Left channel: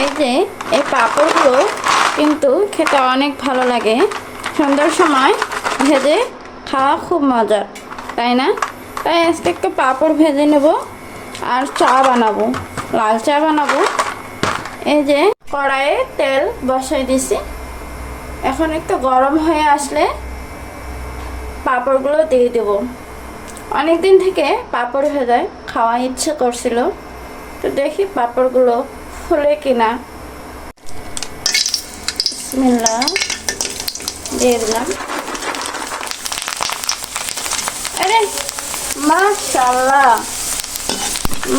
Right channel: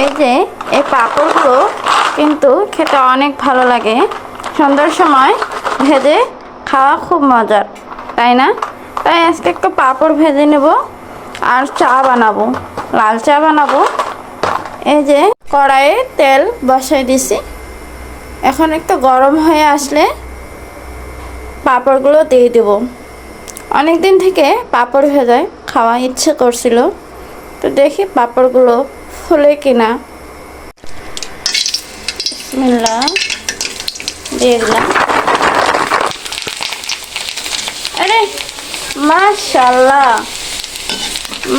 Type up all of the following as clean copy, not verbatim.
এই যে এই পাঁপড়গুলো কিন্তু খেতে অনেক ভালো লাগে। সন্ধ্যার সময় ভেজে খাওয়া খুব মজার, তাই না? তাই আজকে একটু পাঁপড় ভেজে নেব আর চা বানাবো, লাল চা বানাবো। এই যে কড়াইয়ে তেল বসাই দিছি, এখন একটু গরম হয়ে আসলে পাঁপড়গুলো দিয়ে দেব। অনেক দিন থেকে পাঁপড় ভেজে খাওয়া ইচ্ছে করছিল, তো দেখি পাঁপড়গুলো ফুলে কিনা। বিসমিল্লাহ দিয়ে দিলাম। আরে মাশাআল্লাহ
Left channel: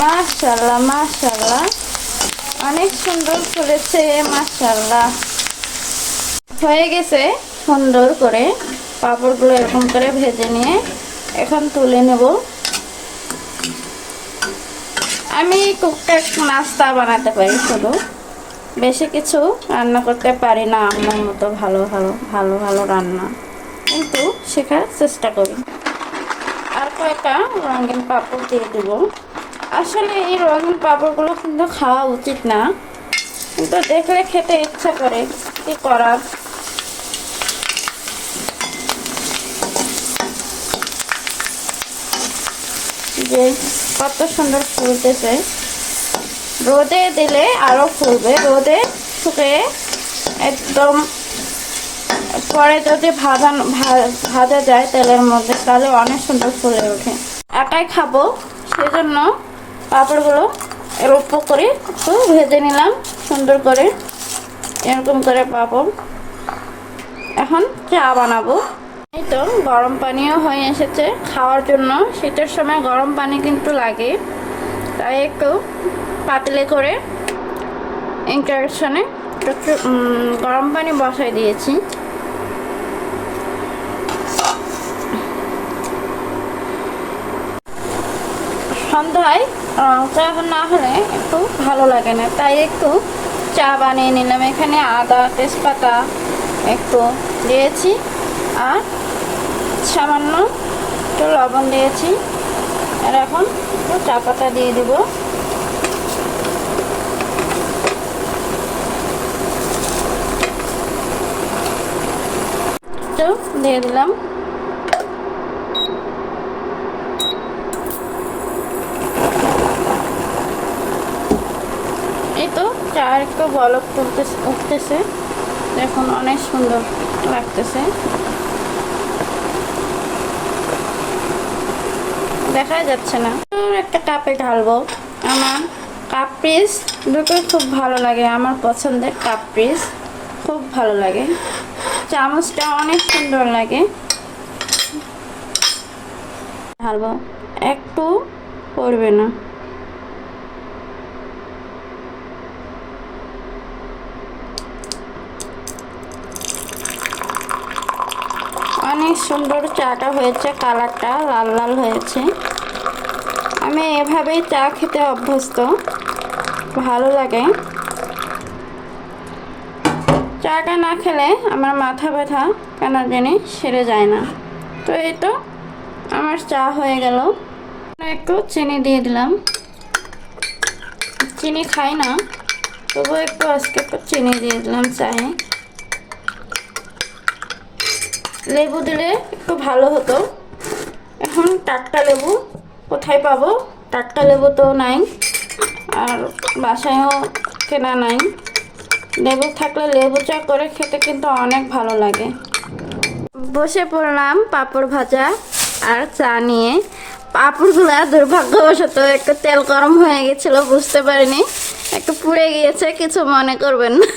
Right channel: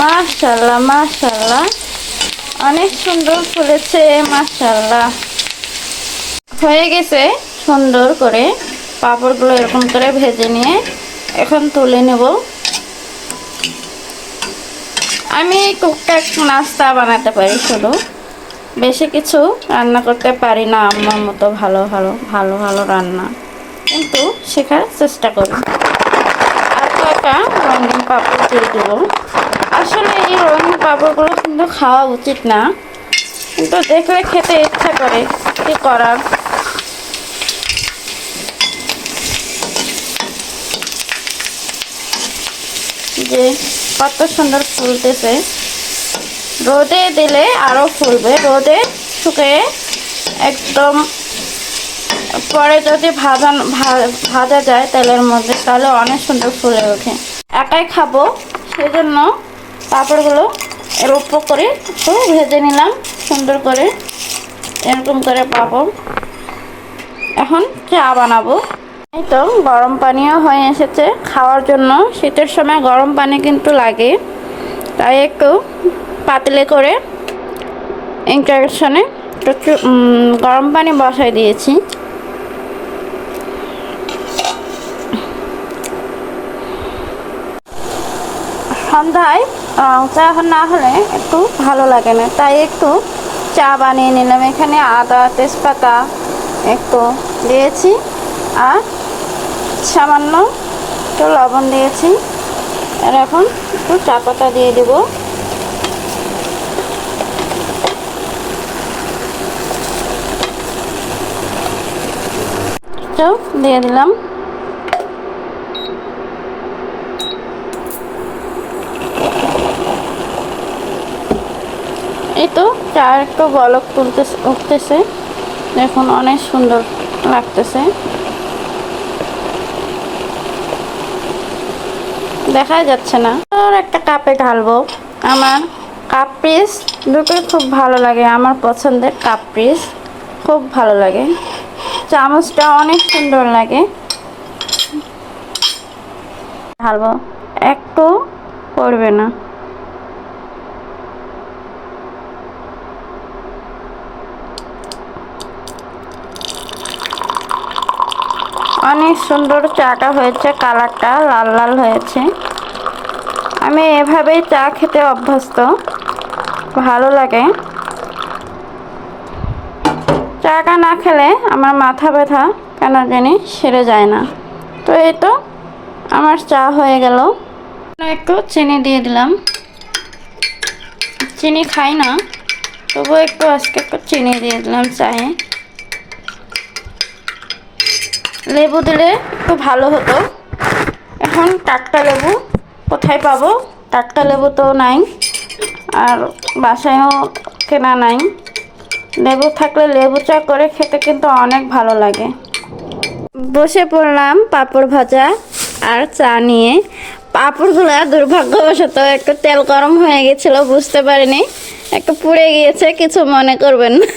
মাশাআল্লাহ মাশাআল্লাহ, অনেক সুন্দর ফুলেছে মাশাআল্লাহ। হয়ে গেছে সুন্দর করে পাঁপড়গুলো এরকম করে ভেজে নিয়ে এখন তুলে নেব। আমি টুকটাক নাস্তা বানাতে পারি, শুধু বেশি কিছু রান্না করতে পারি না আমার মতো ভালো ভালো রান্না, কিন্তু শেখার চেষ্টা করি। আর কয়েকটা রঙিন পাঁপড় দিয়ে দেব। আসলে এই রঙিন পাঁপড়গুলো কিন্তু খাওয়া উচিত না, কিন্তু দেখলে খেতে ইচ্ছে করে, কি করার। যে কত সুন্দর ফুলতেছে, রোদে দিলে আরো ফুলবে। রোদে শুকিয়ে একদম পরে যদি ভাজা যায় তেলের মধ্যে, তাহলে অনেক সুন্দর ফুলে ওঠে। একাই খাবো সেজন্য পাঁপড়গুলো এর উপর করে একটু ভেজে নিলাম সুন্দর করে, এরকম করে পাঁপড়। এখন চা বানাবো। এই তো গরম পানিও হয়ে এসেছে খাওয়ার জন্য। শীতের সময় গরম পানি কিন্তু লাগে, তাই একটু পাতলে করে ইন্ডাকশনে গরম পানি বসাই দিয়েছি। সন্ধ্যায় চা না হলে একটু ভালো লাগে না, তাই একটু চা বানিয়ে নিলাম। এখানে আদা তেজপাতা একটু দিয়েছি আর সামান্য একটু লবণ দিয়েছি। আর এখন একটু চা পাতা দিয়ে দেব। দিয়ে দিলাম। এই তো চা একটু বলক উঠতেছে, দেখুন অনেক সুন্দর লাগতেছে। দেখা যাচ্ছে না। আর একটা কাপে ঢালবো। আমার কাপ পিস দুটোই খুব ভালো লাগে, আমার পছন্দের কাপ পিস খুব ভালো লাগে। চামচটা অনেক সুন্দর লাগে। ঢালবো, একটু পড়বে না। অনেক সুন্দর চাটা হয়েছে, কালারটা লাল লাল হয়েছে। আমি এভাবেই চা খেতে অভ্যস্ত, ভালো লাগে। চাটা না খেলে আমার মাথা ব্যথা কেন জানি সেরে যায় না। তো এই তো আমার চা হয়ে গেল। একটু চিনি দিয়ে দিলাম। চিনি খাই না, তবু একটু আজকে একটু চিনি দিয়ে দিলাম চায়ে। লেবু দিলে একটু ভালো হতো। এখন টাটকা লেবু কোথায় পাবো? টাটকা লেবু তো নাই, আর বাসায়ও কেনা নাই। লেবু থাকলে লেবু চা করে খেতে কিন্তু অনেক ভালো লাগে। বসে পড়লাম পাঁপড় ভাজা আর চা নিয়ে। পাঁপড়গুলো দুর্ভাগ্যবশত একটু তেল গরম হয়ে গেছিলো, বুঝতে পারিনি, একটু পুড়ে গিয়েছে, কিছু মনে করবেন না।